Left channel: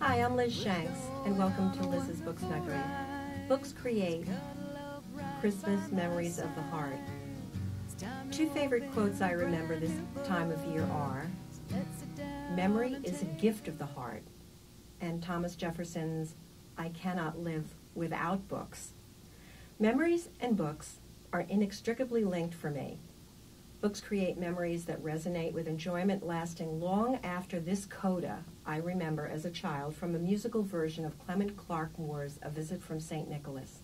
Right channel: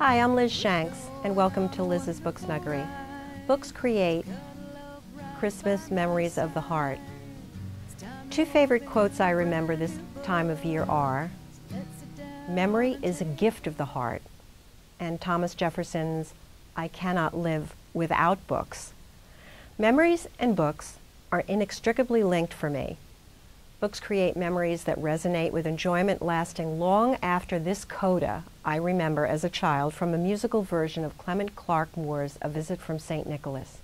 Hi, I'm Liz Shanks, and welcome to Liz's Book Snuggery. Books create Christmas memories of the heart. Two favorite quotes I remember this time of year are, "Memory is a gift of the heart," and Thomas Jefferson's, "I cannot live without books." Memories and books are inextricably linked for me. Books create memories that resonate with enjoyment lasting long after this coda I remember as a child from a musical version of Clement Clarke Moore's A Visit from St. Nicholas.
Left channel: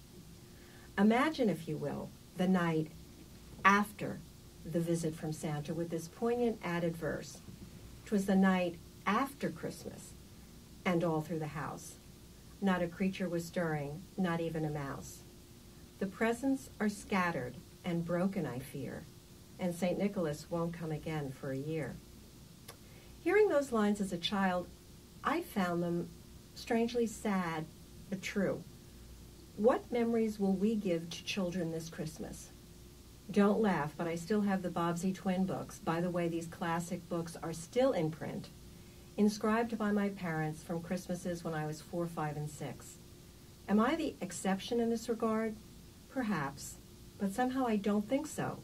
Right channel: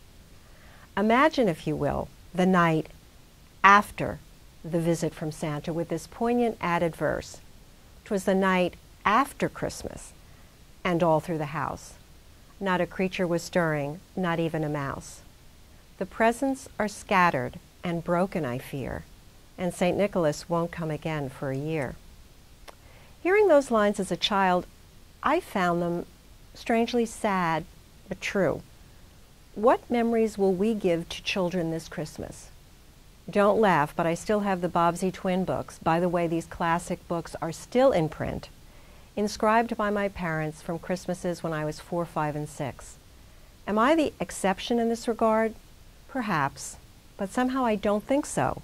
Imagine, if you will, the night after the visit from Santa with this poignant added verse. 'Twas the night after Christmas, and all through the house. Not a creature was stirring, not even a mouse. The presents are scattered and broken, I fear, and St. Nicholas won't come again for a year. Hearing those lines as a child, I found them strangely sad, but true. What memories will we give to children this Christmas? Don't laugh, but I still have the Bobbsey twin books. By the way, these classic books are still in print, inscribed by my parents from Christmases when I was 4, 5, and 6. Am I the exception in this regard? Perhaps, but somehow I don't think so.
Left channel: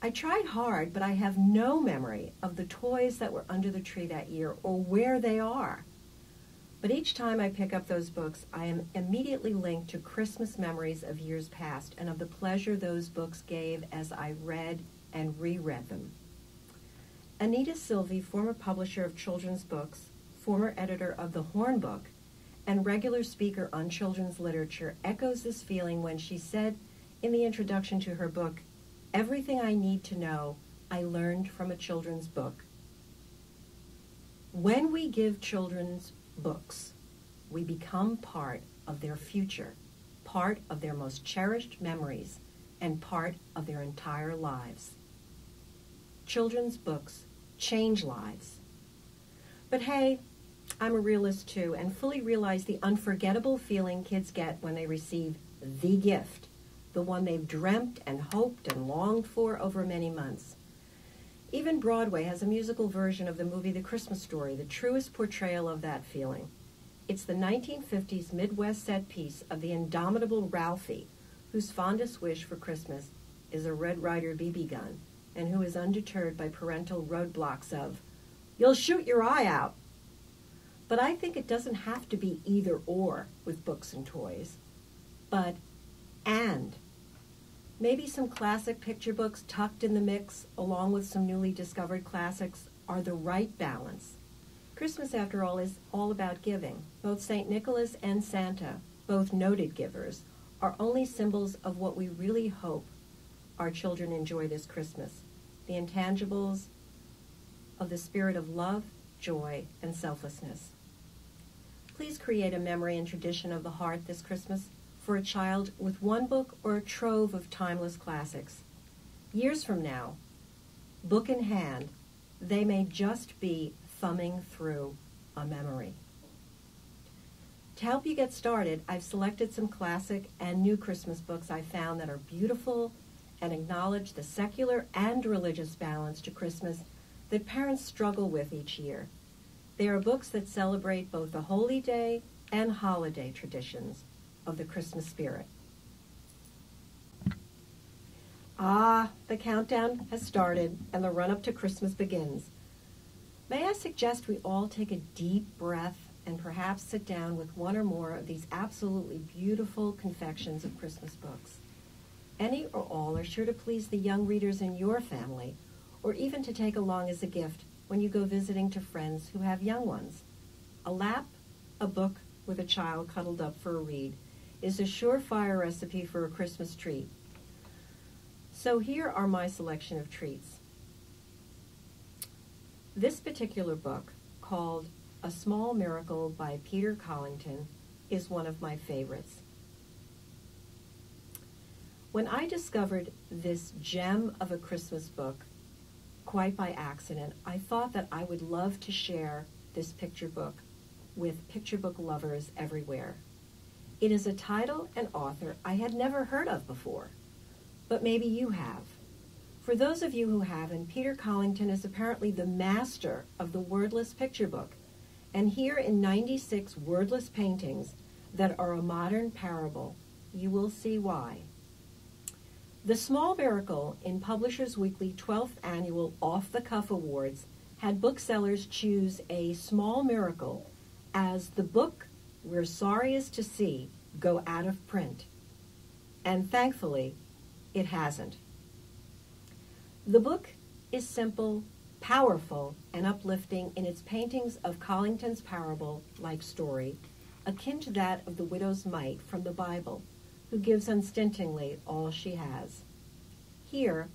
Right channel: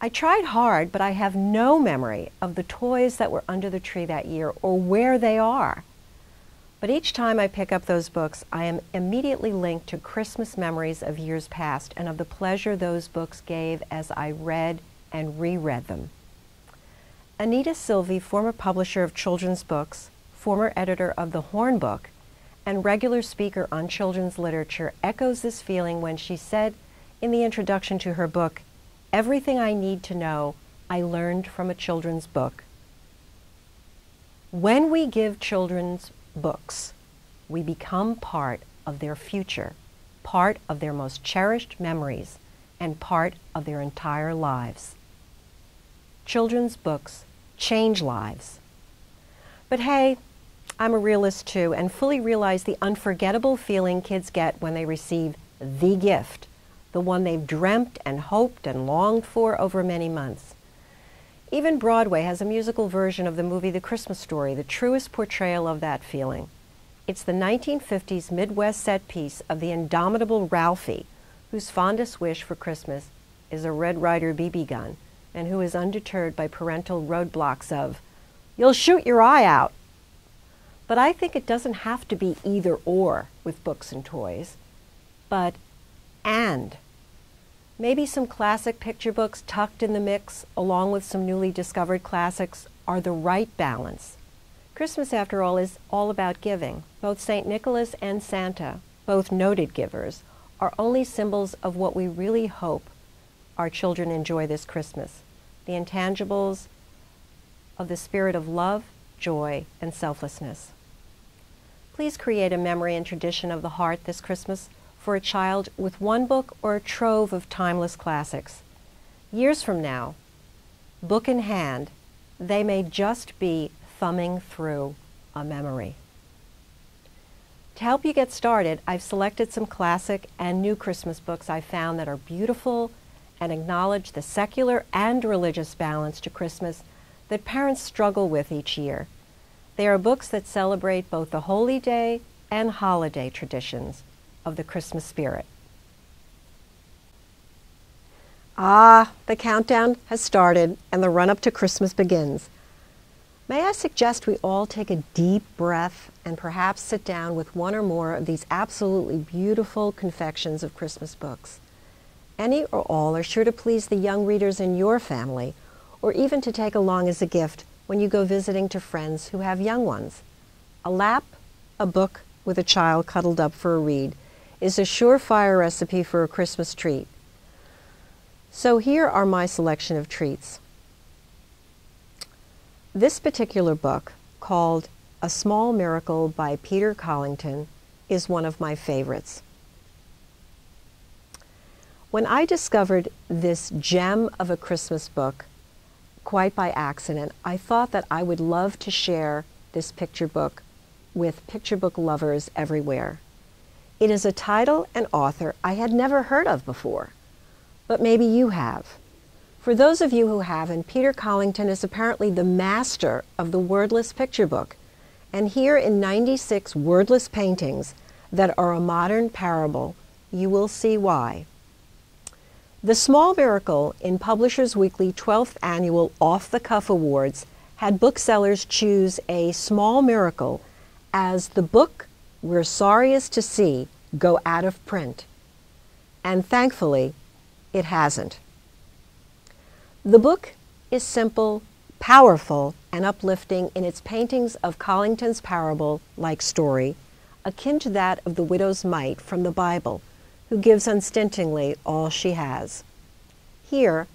I tried hard, but I have no memory of the toys that were under the tree that year or where they are. But each time I pick up those books, I am immediately linked to Christmas memories of years past and of the pleasure those books gave as I read and reread them. Anita Silvey, former publisher of children's books, former editor of The Horn Book, and regular speaker on children's literature, echoes this feeling when she said in the introduction to her book, "Everything I need to know, I learned from a children's book." When we give children's books, we become part of their future, part of their most cherished memories, and part of their entire lives. Children's books change lives. But hey, I'm a realist too, and fully realize the unforgettable feeling kids get when they receive the gift, the one they've dreamt and hoped and longed for over many months. Even Broadway has a musical version of the movie The Christmas Story, the truest portrayal of that feeling. It's the 1950s Midwest set piece of the indomitable Ralphie, whose fondest wish for Christmas is a Red Ryder BB gun, and who is undeterred by parental roadblocks of, "You'll shoot your eye out." But I think it doesn't have to be either or with books and toys, but and. Maybe some classic picture books tucked in the mix, along with some newly discovered classics, are the right balance. Christmas, after all, is all about giving. Both St. Nicholas and Santa, both noted givers, are only symbols of what we really hope our children enjoy this Christmas, the intangibles of the spirit of love, joy, and selflessness. Please create a memory and tradition of the heart this Christmas for a child with one book or a trove of timeless classics. Years from now, book in hand, they may just be thumbing through a memory. To help you get started, I've selected some classic and new Christmas books I found that are beautiful and acknowledge the secular and religious balance to Christmas that parents struggle with each year. They are books that celebrate both the holy day and holiday traditions of the Christmas spirit. The countdown has started and the run-up to Christmas begins. May I suggest we all take a deep breath and perhaps sit down with one or more of these absolutely beautiful confections of Christmas books. Any or all are sure to please the young readers in your family, or even to take along as a gift when you go visiting to friends who have young ones. A lap, a book with a child cuddled up for a read, is a surefire recipe for a Christmas treat. So here are my selection of treats. This particular book, called A Small Miracle by Peter Collington, is one of my favorites. When I discovered this gem of a Christmas book, quite by accident, I thought that I would love to share this picture book with picture book lovers everywhere. It is a title and author I had never heard of before, but maybe you have. For those of you who haven't, Peter Collington is apparently the master of the wordless picture book, And here in 96 wordless paintings that are a modern parable, you will see why. The Small Miracle in Publishers Weekly 12th Annual Off the Cuff Awards had booksellers choose A Small Miracle as the book we're sorriest to see go out of print. And thankfully, it hasn't. The book is simple, powerful, and uplifting in its paintings of Collington's parable-like story, akin to that of the widow's mite from the Bible, who gives unstintingly all she has. Here,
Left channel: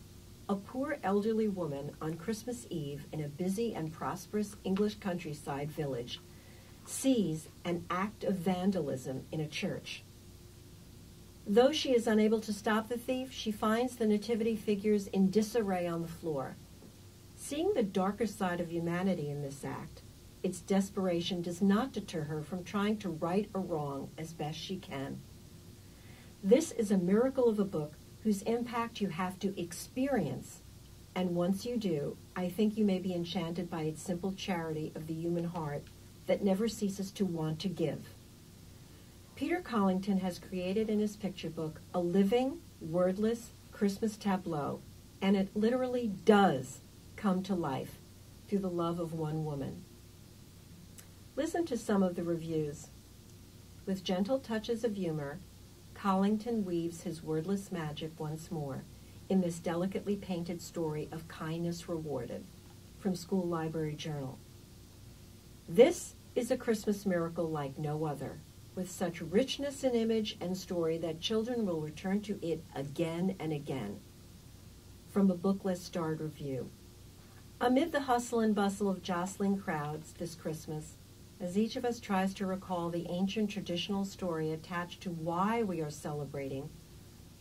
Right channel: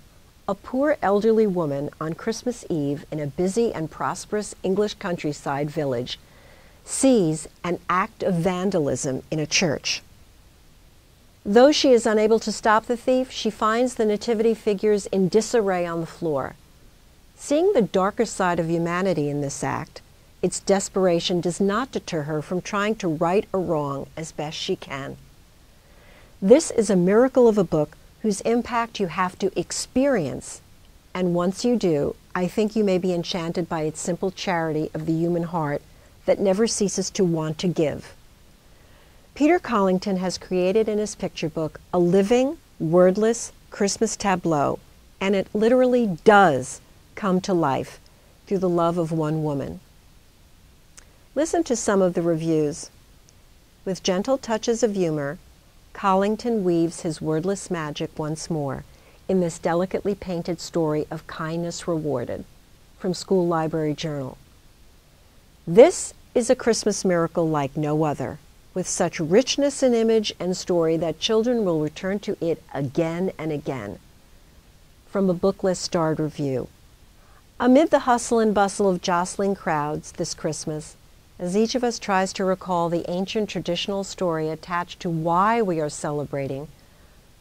a poor elderly woman on Christmas Eve in a busy and prosperous English countryside village sees an act of vandalism in a church. Though she is unable to stop the thief, she finds the nativity figures in disarray on the floor. Seeing the darker side of humanity in this act, its desperation does not deter her from trying to right a wrong as best she can. This is a miracle of a book whose impact you have to experience, and once you do, I think you may be enchanted by its simple charity of the human heart that never ceases to want to give. Peter Collington has created in his picture book a living, wordless Christmas tableau, and it literally does come to life through the love of one woman. Listen to some of the reviews. With gentle touches of humor, Collington weaves his wordless magic once more in this delicately painted story of kindness rewarded, from School Library Journal. This is a Christmas miracle like no other, with such richness in image and story that children will return to it again and again. From a Booklist starred review. Amid the hustle and bustle of jostling crowds this Christmas, as each of us tries to recall the ancient traditional story attached to why we are celebrating,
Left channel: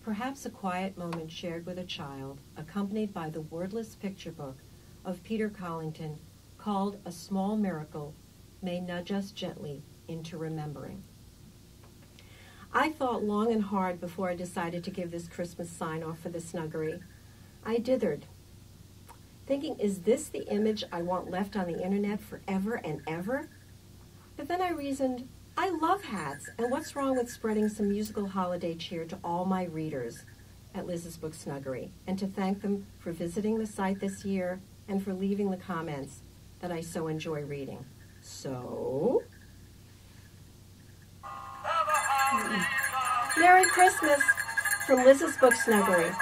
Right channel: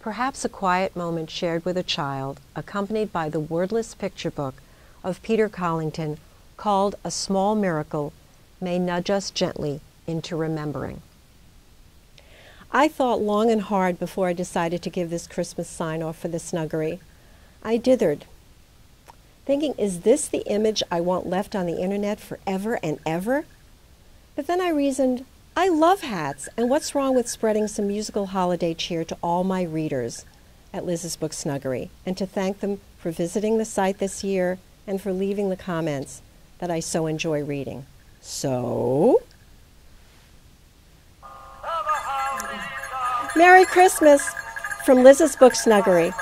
perhaps a quiet moment shared with a child, accompanied by the wordless picture book of Peter Collington called A Small Miracle, may nudge us gently into remembering. I thought long and hard before I decided to give this Christmas sign-off for the Snuggery. I dithered, thinking, is this the image I want left on the internet forever and ever? But then I reasoned, I love hats, and what's wrong with spreading some musical holiday cheer to all my readers at Liz's Book Snuggery, and to thank them for visiting the site this year and for leaving the comments that I so enjoy reading. So, Merry Christmas from Liz's Book Snuggery.